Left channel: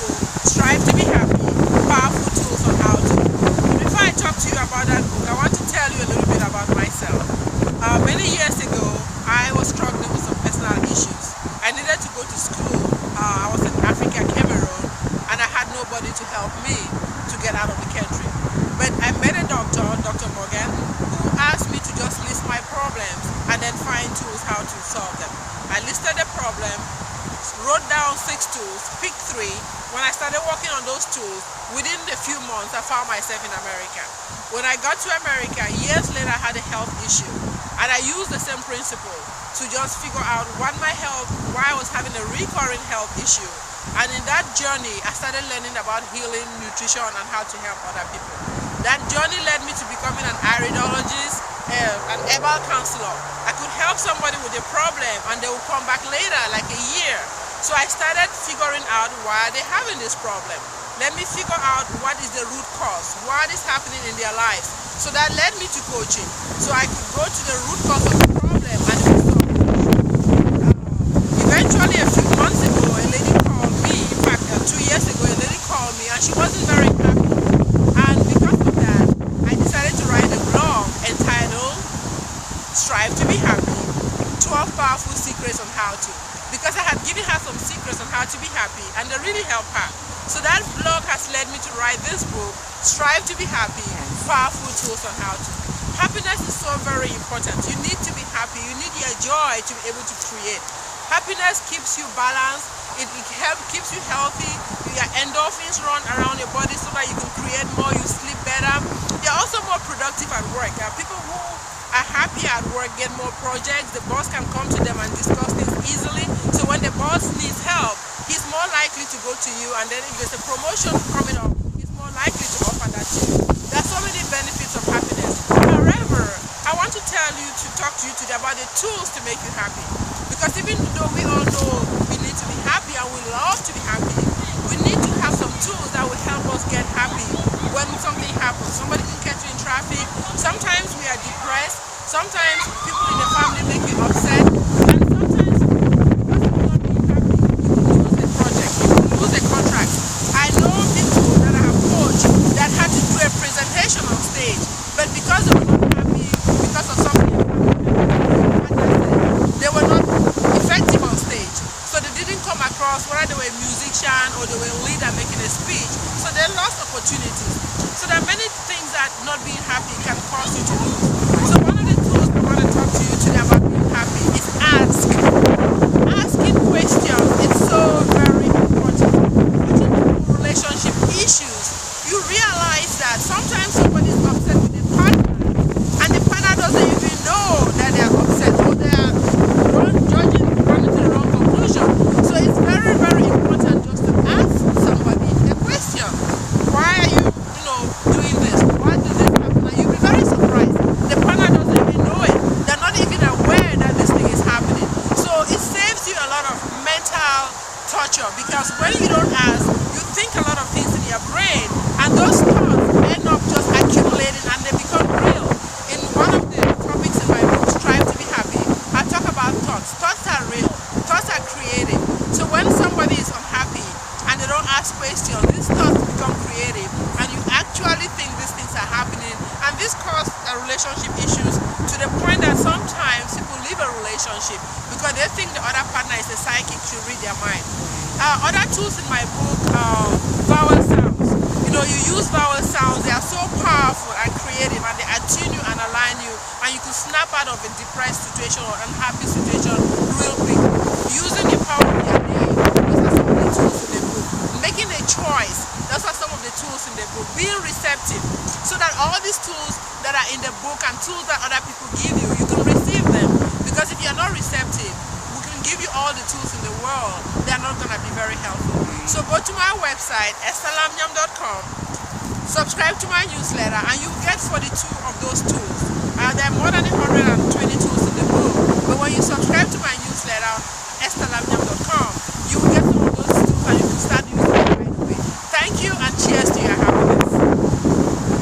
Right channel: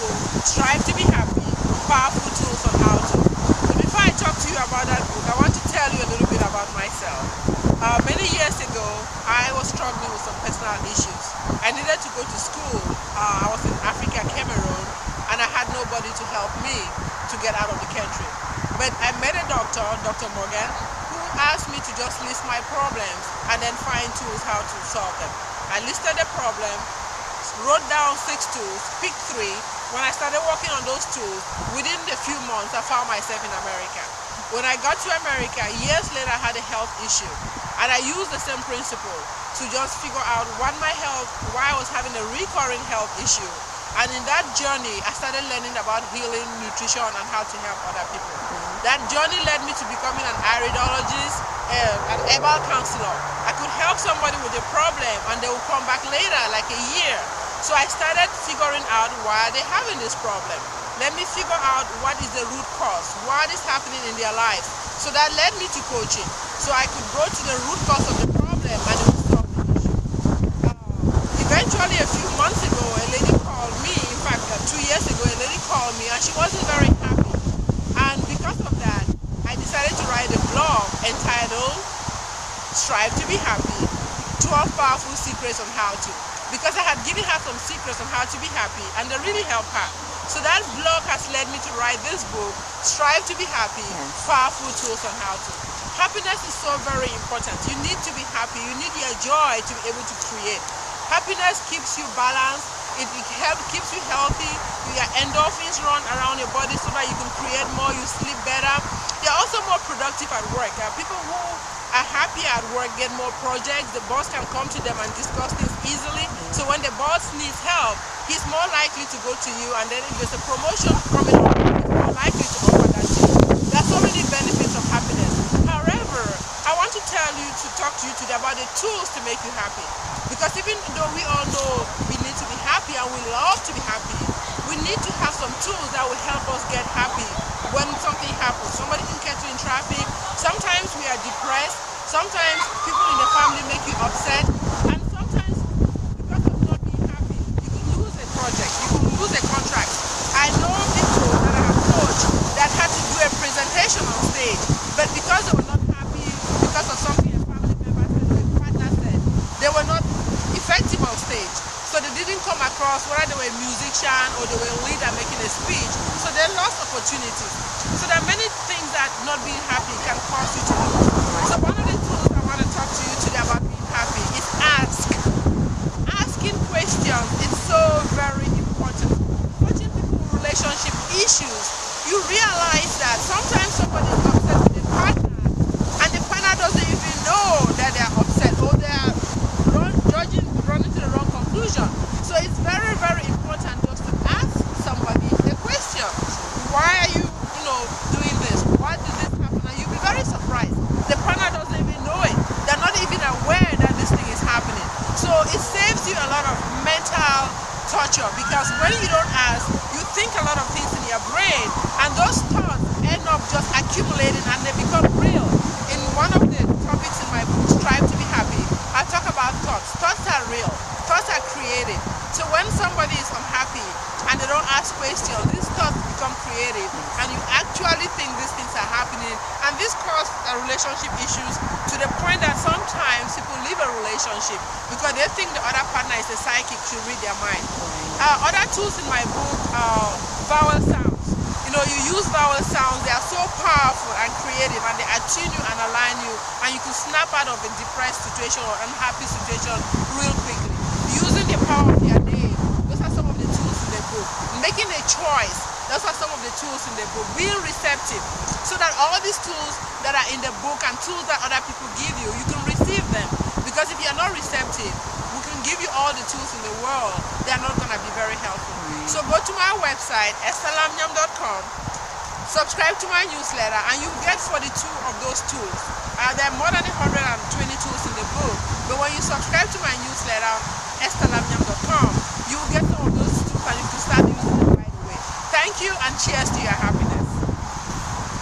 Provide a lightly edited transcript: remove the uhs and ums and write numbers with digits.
book, Strive to be Happy, Powerful Tools on How to. But before I talk to you about that book, I want to tell you a little bit about myself. Many years ago, I was struggling with some personal issues. I needed to go to school. I was in Africa, Cameroon, and I had nobody to help me to get out of the country. But I met a doctor, Dr. Morgan, who asked me to just list my problems and then find tools how to solve them. I listed the problem, wrote down 6 tools, picked 3. When I started working on those tools, within a few months, I found myself in America. When I got to America, years later, I had a health issue. And I used the same principle to just figure out why I was having a recurring health issue. And in that journey, I started learning about healing, nutrition, and how to help other people. That journey led me to becoming an iridologist, an herbal counselor. I could help somebody with a problem and they would come back later, like a year. So I started figuring out why they're having this problem. Let me figure out what is the root cause, what is happening in their lives. So that led me to coaching. So I could go to the root cause of the problem and it would solve the issue. Eventually, a few months ago, a lady called me. In fact, 2 years ago, a lady called me and she wasn't very happy. And because of that, I decided to write a blog entitled Strive to be Happy, 12 Powerful Secrets on How to. Because I had given her some secrets on how to be happy and they really helped her. So that blog has led me to write this book, Strive to be Happy, Powerful Tools on How to. Happiness is so very important. You need to be happy. You need your joy to be able to create. Happiness keeps you balanced. It keeps you healthy. Your endorphins run around your body so that you can create more, you sleep better. You're also more productive at work. People who are happy at work get more projects. The boss can come to them and discuss things easily. So when the boss needs help, he's more likely to go to you, and then if there's a promotion coming up, he's more likely to offer that to you. There are so many benefits of happiness. However, I want to talk to you today about the tools to make you happy. Because even though we all know we need to be happy and we love to be happy, we need to have some tools that will help us get happy when something happens. Somebody can catch you in traffic. Sometimes we are depressed. Sometimes people in the family make you upset. And sometimes, because of not being happy, you can lose a project, you can lose a contract. I know people that I have coached that had to do a presentation on stage, but because they were not happy, because of something a family member said, they were not effective on stage. So they didn't come across whether they were a musician or they were a leader making a speech. So they lost opportunities. So there are many things that not being happy can cause you to lose. So one of the tools I want to talk to you today about being happy is ask. Asking questions is so very important. Watching relationship issues, you realize that sometimes somebody is upset with a partner and the partner doesn't even know that they are upset or they are running to the wrong conclusion. So it's very, very important just to ask somebody a question. Why are you doing this? Why did this happen? And you'll be very surprised. The partner doesn't even know it. They're not even aware that this thing is happening. So it saves you a lot of mental torture, because when you don't ask, you think a lot of things in your brain, and those thoughts end up just accumulating and they become real. In one of the topics in my book, Strive to be Happy, I talk about thoughts. Thoughts are real. Thoughts are creative. So when somebody is unhappy and they don't ask questions, these thoughts become creative and you actually think these things are happening, and this causes relationship issues to the point that sometimes people leave a relationship because they think the other partner is a psychic, should read their mind. Other tools in my book, vowel sounds. You use vowel sounds. They are so powerful and creative, and they attune you and align you, and you can snap out of a depressed situation or unhappy situation real quickly. Using the power of your name, those are some of the tools in the book. Making a choice, those are some of the tools in the book. Being receptive, so that all these tools that are in the book and tools that other people give you, you can receive them. Because if you are not receptive, we can give you all the tools in the world, they are not going to be very helpful. So go to my website, estherlamnyam.com, subscribe to my newsletter, and you get 42 of those tools. There are more than 120 tools in the book, but when you subscribe to my newsletter, estherlamnyam.com, you will get some